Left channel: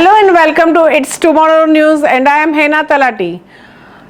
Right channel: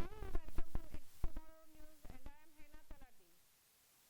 Hello and welcome to It's Tomorrow News, and I am Hena Talati.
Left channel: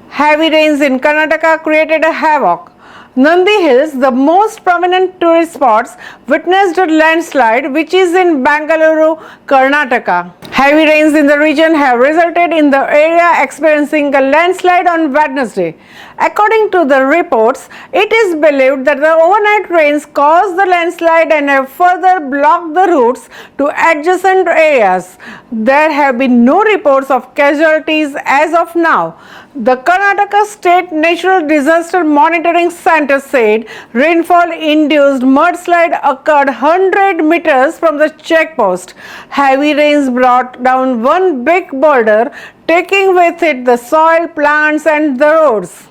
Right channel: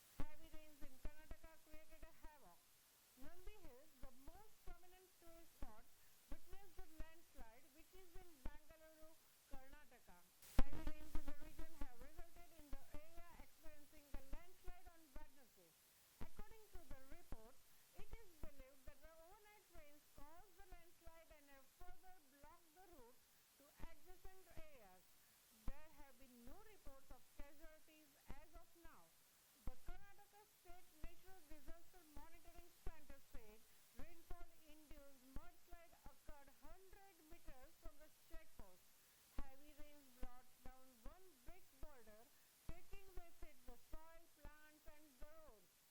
Heavy rains in Karnataka created a havoc. Nandi Hills, the most prominent tourist spots, witnessed a landslide which is in Bangalore, Karnataka. Heavy rains in the region have resulted in the area experiencing a landslide on Wednesday. According to the reports, it is believed that the overnight rains caused the landslide and have further blocked the routes to adjacent areas. There have been no reports of casualties as of now. The Karnataka State Natural Disaster Monitoring Center said rainfall-induced mudslide occurred 100 meters from the checkpost. Heavy rains brought down one big boulder, taking with it the soil, plants and the roads.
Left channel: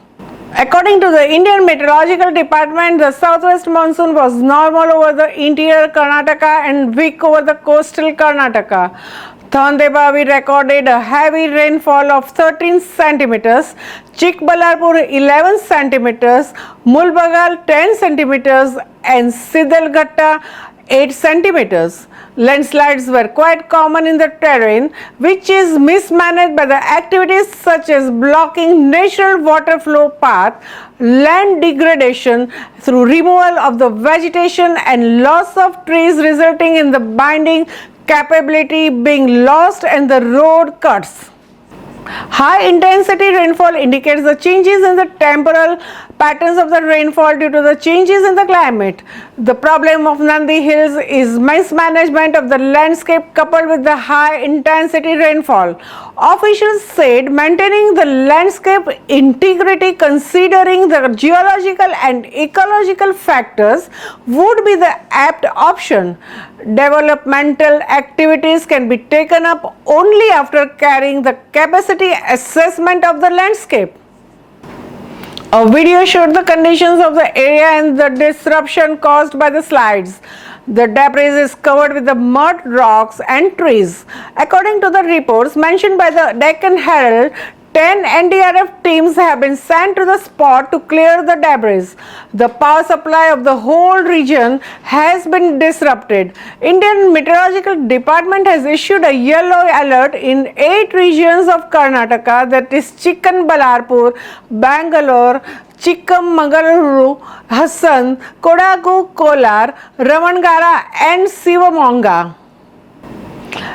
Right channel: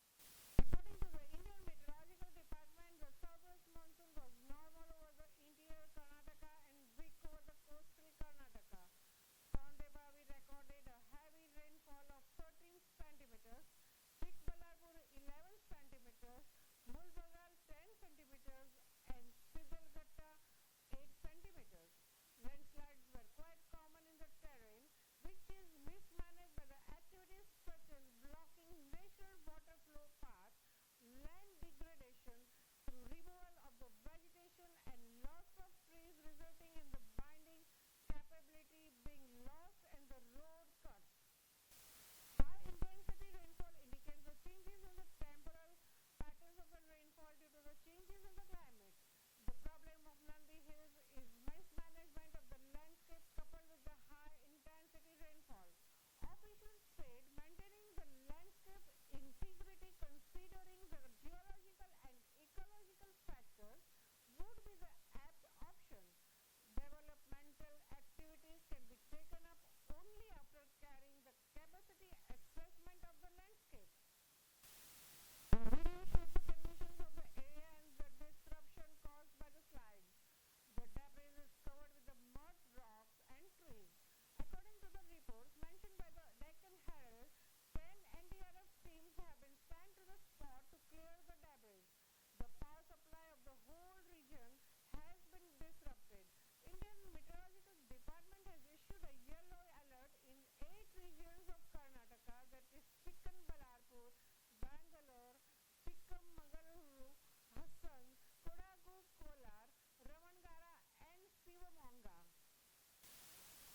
According to the Indian Meteorological Department, the southwest monsoon was normal over the interior Karnataka and weak over the coastal Karnataka. Thandebavi recorded a heavy rainfall of 13 centimeters, Chikballarpur 11 centimeters, Mulbagal 10 centimeters and Sidalghatta 8 centimeters. Landslides were quite common in the terrain, which is mismanaged by the activities such as blocking natural water flow path, land degradation through removal of the vegetation and loss of trees, resulting in the binding capability being lost and the road cuts. High intensity rainfall indicates the changes in the temporal patterns of the rainfall due to the changes in the climate. The problem of Nandi Hills is mismanagement of the landscape coupled with the high intensity rainfall. Officials said maintaining the landscape integrity considering the geological and ecological factors would be the apt option. Developmental activities can be taken up only after carrying the capacity assessment of the landscape. A video showed the conditions of the area and the disruption caused by the slides. The debris is covered with the mud, rocks and trees. According to the reports mentioned by the Deccan Herald, 10 NDRF teams have been sent to the spot to clear the debris. The power supply of the whole region has been disrupted. Indian Meteorological Department has issued a yellow alert in 8 regions of Karnataka, that is Chikballarpur, Bangalore, Chikmagaluru, Hassan, Kodagu, Kolar, Ramangala and Shivamonga.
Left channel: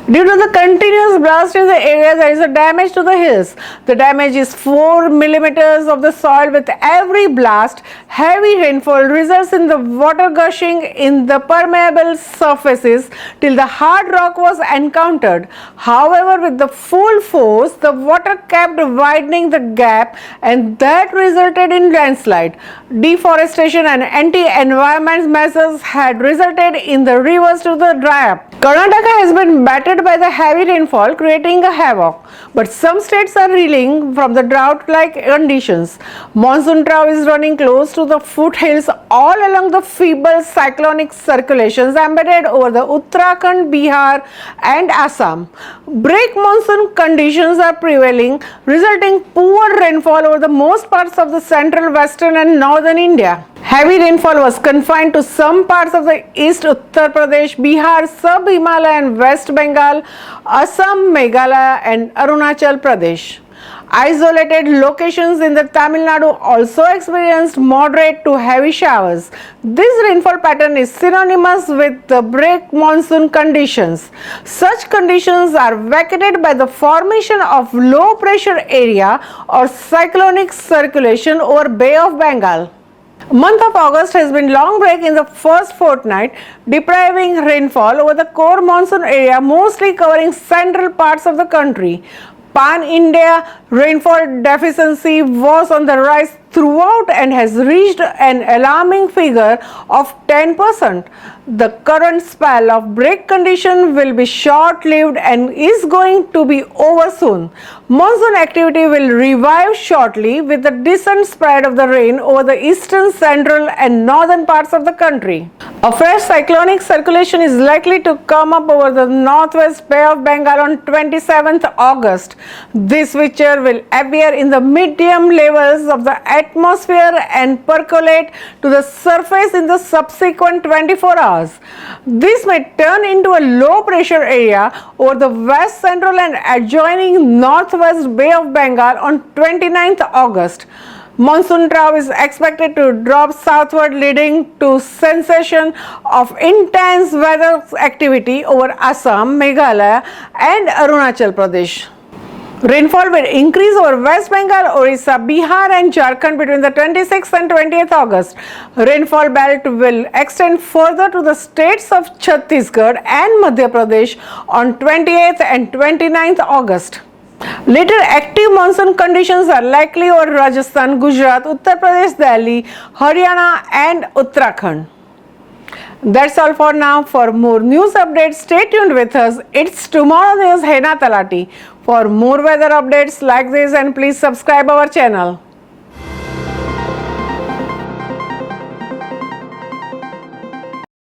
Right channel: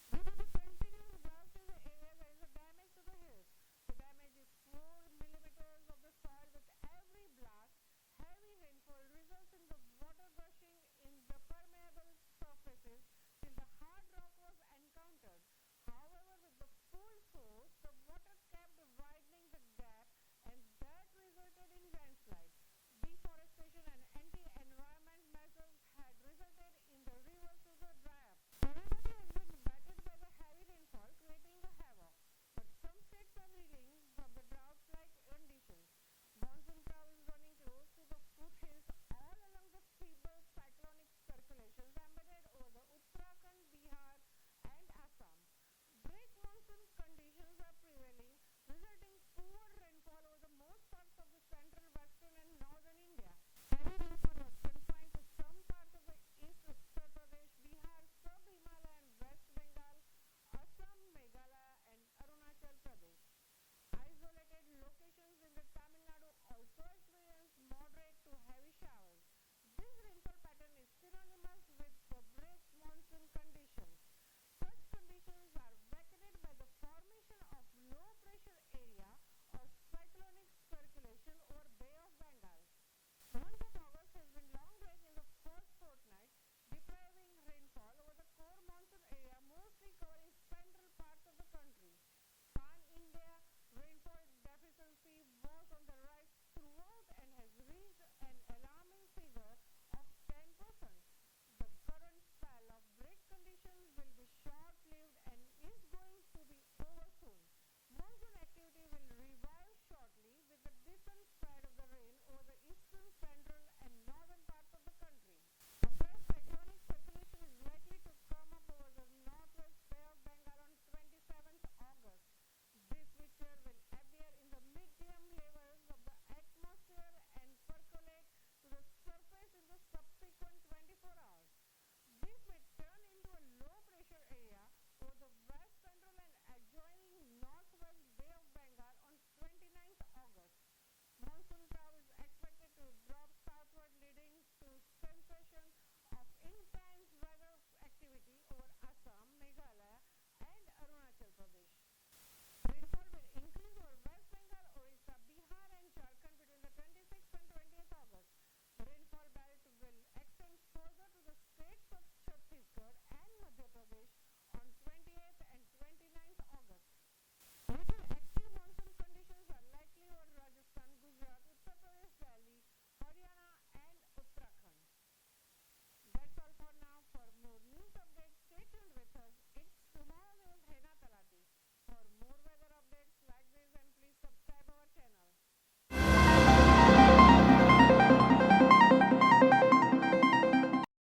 Due to the continuous blast in the area, there is a damage to the hills. The damage is 4 millimeters of the soil. With every blast, heavy rainfall results in the water gushing in the permeable surfaces till the hard rock was encountered. However, with the full force, the water kept widening the gap and that resulted in landslide. Deforestation and anti-environment measures had resulted in the rivers to the dry up. Karnataka has been battered by the heavy rainfall, creating a havoc. But some states are reeling from the drought-like conditions. Monsoon trough is running close to the foothills all along the feeble cyclonic circulations embedded over the Uttarakhand, Bihar and Assam. Break monsoon conditions are prevailing, resulting poor rainfall over the most parts of the central, western and northern India. Heavy rainfall was confined to some parts of the East Uttar Pradesh, Bihar, Sub-Himalayan, West Bengal, Assam, Meghalaya and Arunachal Pradesh. Isolated locations in the Tamil Nadu also experienced moderate to heavy showers. This rainfall pattern is synonymous with the break monsoon conditions. Such conditions are vacated by the formation of low pressure area or cyclonic circulation over Bay of Bengal. Month of August has been long break in the first fortnight, depriving rainfall over the core monsoon area, mostly covering central parts of the country. Pan-India rainfall deficiency was on the rise throughout and has reached an alarming figure of 10%. The current spell of break condition will be short-lived and is going to be over soon. Monsoon activity will revive shortly with the decent spread of the rain over the eastern, central and northern parts of the country. A fresh cyclonic circulation is likely to come up over the northwest Bay of Bengal on 27th August. This feature will appear in the medium levels of the atmosphere and percolate to the surface in the subsequent 24 hours. This may turn into a low pressure area over the west central and adjoining northwest Bay of Bengal on 29th August. Monsoon trough is expected to drop southward, leading to sensation of intense weather activity over Assam, Meghalaya and Arunachal Pradesh. Rainfall will increase over West Bengal, Orissa, Bihar and Jharkhand between the 26th and 20th August. Rainfall belt will extend further to the states of Chhattisgarh and Madhya Pradesh on 28th and 29th August. Later active monsoon conditions are likely over Rajasthan, Gujarat, Uttar Pradesh, Delhi, Haryana and Uttarakhand. That's all for now. For more news updates, stay tuned with us. It's Tomorrow News, Hena Talati. For more weather updates like this, and please subscribe our channel.